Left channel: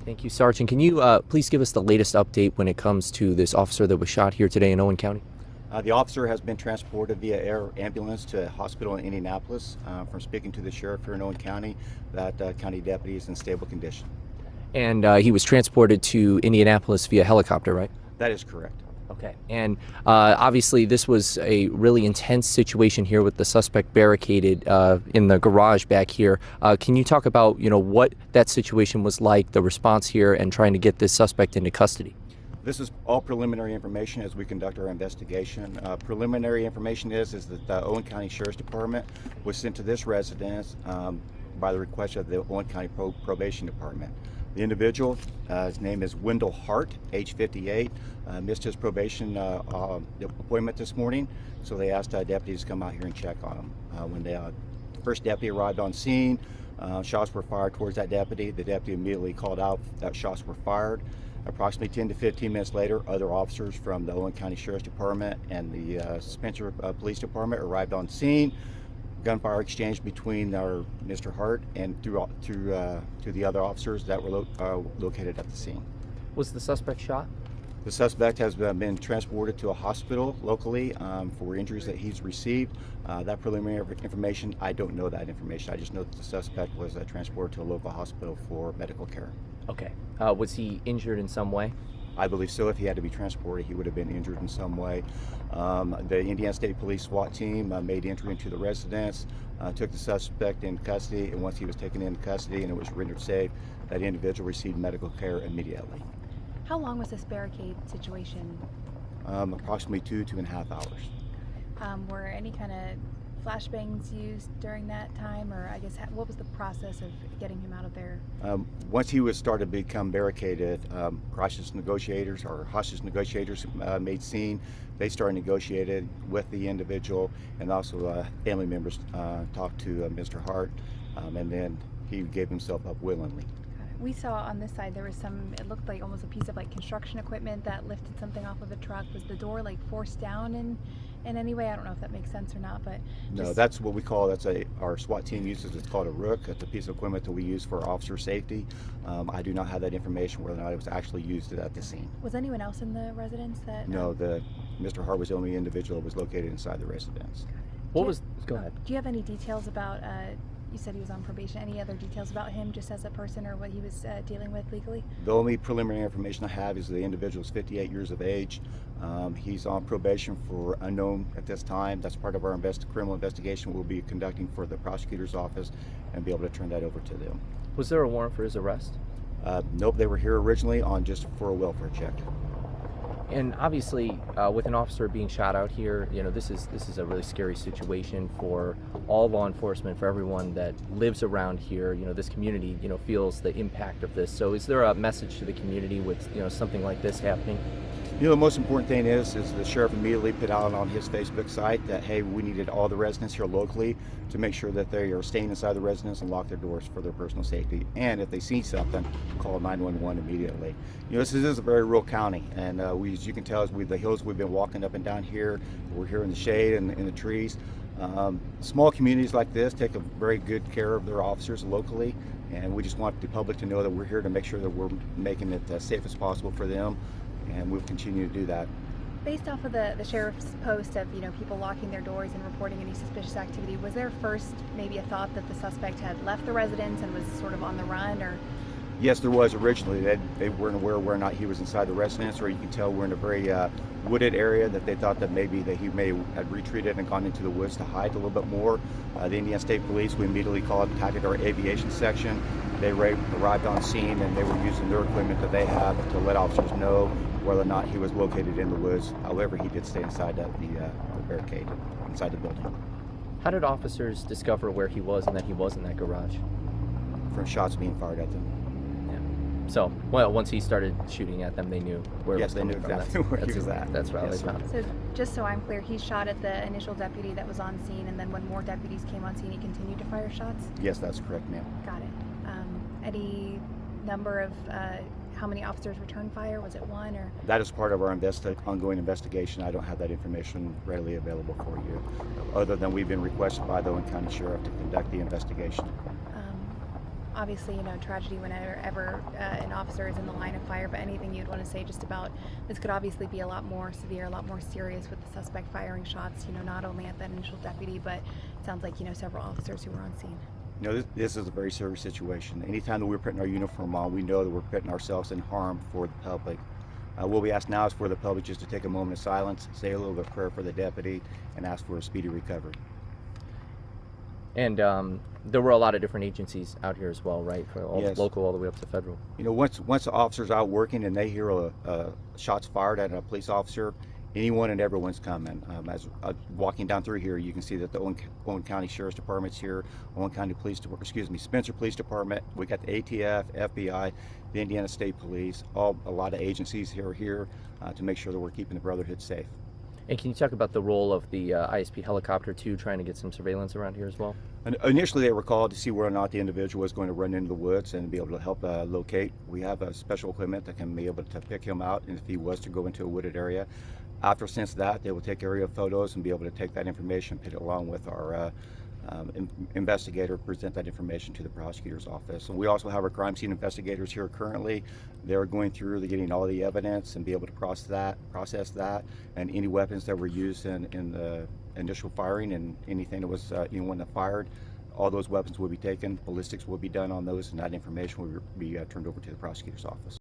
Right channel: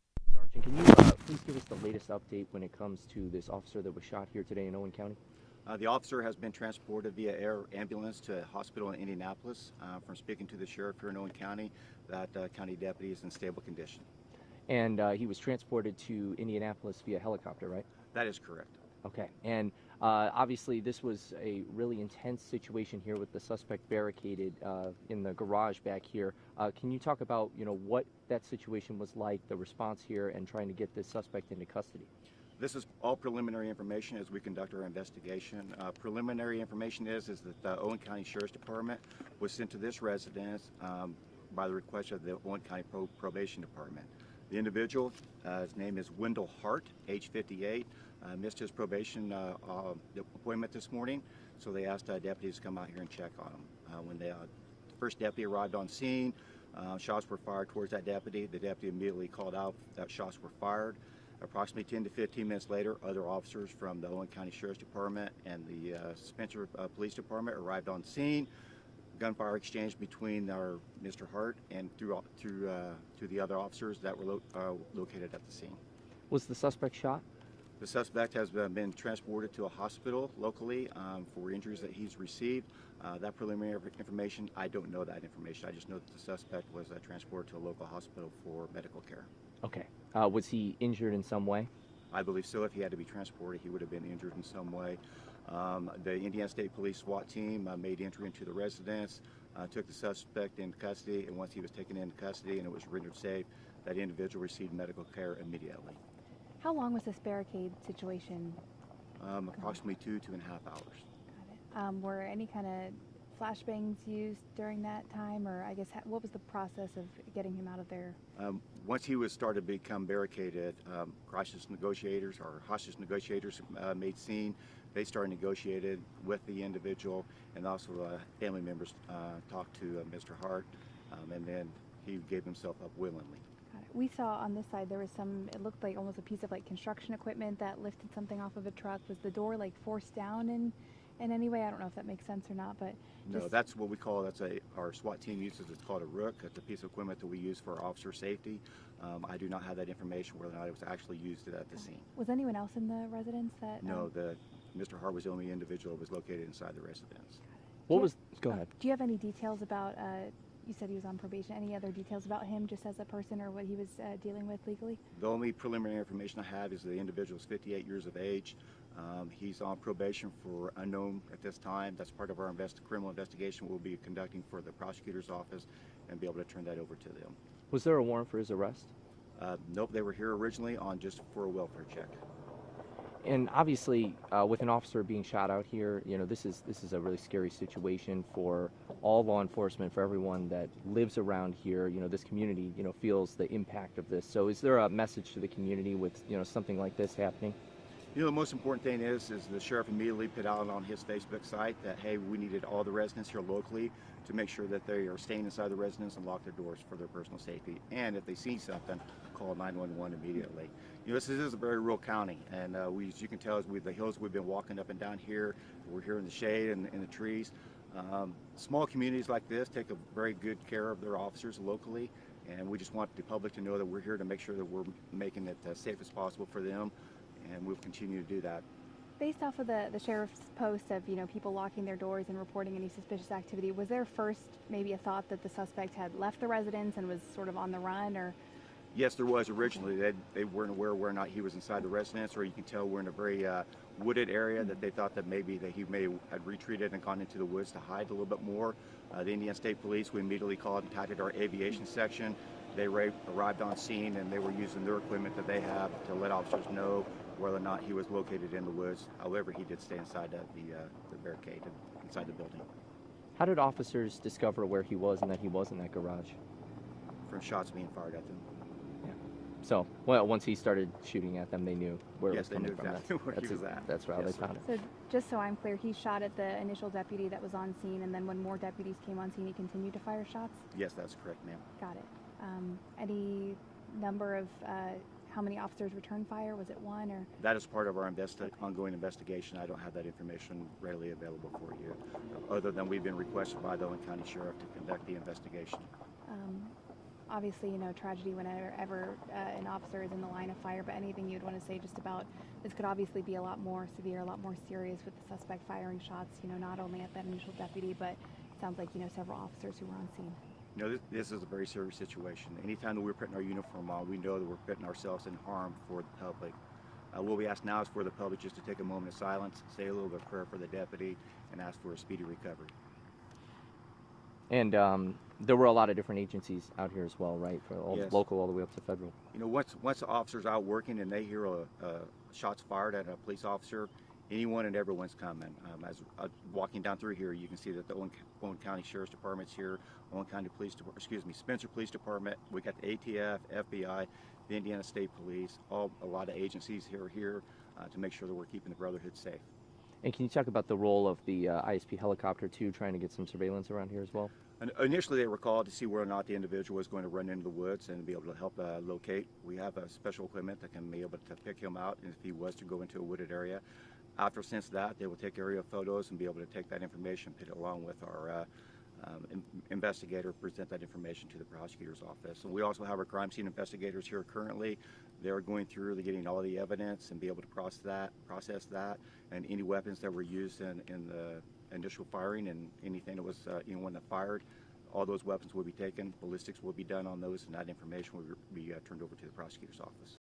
right, thank you, Sergeant. Can you please give us the latest update when it comes to this officer that was shot here today in Owen County? The officer has been transported via air ambulance to a hospital in Indianapolis. From speaking to the sheriff here in Owen County, that county deputy is in stable condition. And he was transported to Indianapolis via helicopter, right? That is correct. Okay. And obviously this was a really intense situation here with the suspect barricaded in the garage back here. Can you talk about, what that situation was like, the response here, and trying to get this suspect into custody? This is all preliminary information as we conduct our investigation. Preliminary information is that the Owen County Sheriff's Department was sent to this residence by the request of the Owen County Probation Department. The individual, his name is Wendell Hart, age 58, missed his probation appointment this morning, so they asked deputies to come out here and check on him. When the first deputy arrived on scene, shots were fired towards that deputy. The deputy immediately called out that shots were fired. Approximately 10 to 15 minutes later, other officers from the Owen County Sheriff's Department and the Spencer Police Department arrived on scene. Gunfire exchanged between our Mr. Hart and to the other officers that were located at the scene. Was the suspect shot? The suspect has been transported to a hospital locally for injuries that he's received. That preliminary information, I don't know that information. I just know that the suspect was transported to a local hospital for medical care. Okay. Was he injured in some way? I believe so. If he had to be transported, he would have been injured in some way. The Indiana State Police SWAT team made entry into the residence, took the suspect in custody, and once he was taken into custody and it was rendered safe, that individual received medical care immediately. How long was this barricade situation? Approximately 2.5 hours. Were any kind of flashbangs used during that time, or I guess what was the process of getting him out of there? Once he was started to become barricaded, hostage negotiators made scene. They started negotiated with the individual, and also family members talked to Mr. Hart, and then he gave himself up willingly. We saw on this side there was it looked like almost a piece of construction equipment that lifted something off of the truck. Was the door forced down in any way? I don't know if that makes sense or not, but no, that's what we call, our SWAT team uses, it's called a rook. It's a piece of equipment that we use for officer safety. I do not have that information whether or not it was actually used at the scene. Was anyone else in the residence that? No, Mr. Hart was the only individual that was located inside the residence. Go ahead. Do you have any details about, you said he was on probation, any other details about him just as a person or what he was dealing with legally? The only preliminary information I have is the individual is 58 years of age. He's on probation for unknown at this time. That's part of our criminal investigation we'll be conducting for the prosecutor's office and be able to turn that over to them. Was there a warrant for his arrest? Nope, they were here originally just for a welfare check. And obviously, with an officer being shot out here, this is a really scary situation for all law enforcement, for everyone that lives around here. This community, feels the impact of this. So, is there a message to the community with something like this happening? The most important thing is the sheriff immediately put out on his Facebook site that, hey, we needed all the residents here locally to make sure that they are staying inside the residence and lock their doors for their personal safety. And if they see something, call 911 immediately. This is a very rural county, and as you can tell, the hills we've been walking up and down here, we're here in the shade and in the trees. Small communities like this take a very good care of their officers locally, and we just want the public to know that we're here to make sure that we're making it as safe as possible for them. And we'll continue to do that. Based off of the sheriff's post of people locking their doors and reporting any suspicious activity, was there first maybe a thought that the suspect had left the residence and was sort of on the run, or? Yes, there was originally. They weren't aware whether or not he was inside the residence, or you can tell we're in a very wooded area that they thought that maybe he may have retreated and gone into the woods to hide a little bit more. The Indiana State Police, we immediately contacted our aviation section. They arrived on scene and they were using their equipment that they have to let officers know whether or not he was located in the woods. However, he did stay inside the barricade, inside the building. How did officers discover where he was and that he was in that garage? From shots being fired at them. Yeah. So, once he started shooting at them, they knew where yes, they knew exactly where he was at. That's right. So, just so I'm clear, he shot at the initial deputy that was on scene, and then when more deputies came on scene, he continued to fire shots? Yes, that's correct, ma'am. Got it. Any number of how many officers returned fire? Was it one, or? That is part of our ongoing investigation. I don't have that information readily available for you, other than we've been requested by the Owen County Sheriff to conduct the investigation. Obviously, tragedy whenever an officer fire, but anything you'd want to say just about this could obviously be a lot more severe, a lot more serious with the suspect firing shots, not only at the initial deputy, but it sounds like, several officers who were on scene. This is a very serious situation. Anytime that we're putting our uniform on, we know that we're putting ourselves in harm for the public. What we ask now is for the public just to take a moment of silence, say a little bit of prayer for the deputy, and ask for a speedy recovery. And there were a lot of different agencies out here as well, right? All Yes. local, all the way up to federal. Once the officer's out working and they hear shots fired at a police officer, anyone and everyone's coming. As walking down through here, you can see that the Owen County Sheriff's Department's here, Owen County Spencer Police Department. We got the ATF, FBI, the Indiana State Police, a lot of agencies here to make sure that we're keeping the Brotherhood safe. And can you talk about the role of the ISP helicopter too, trying to get some surveillance around here as well? And initially, they were called to see whether or not the individual was going to run into the woods and be able to help locate. We have a special equipment that can be able to pick him out, and if he was to go into a wooded area. Since that, they will take aerial photos and be able to take that information, put it along with our investigator, present that information to the prosecutor's office. And we also have our crime scene investigators here currently. They're going through, getting all the evidence and be able to process that, and any weapons that were used in the initial firing and anything that was anyone that fired. All those weapons will be taken, ballistics will be done on those, and that information will be turned over to the prosecutor's office.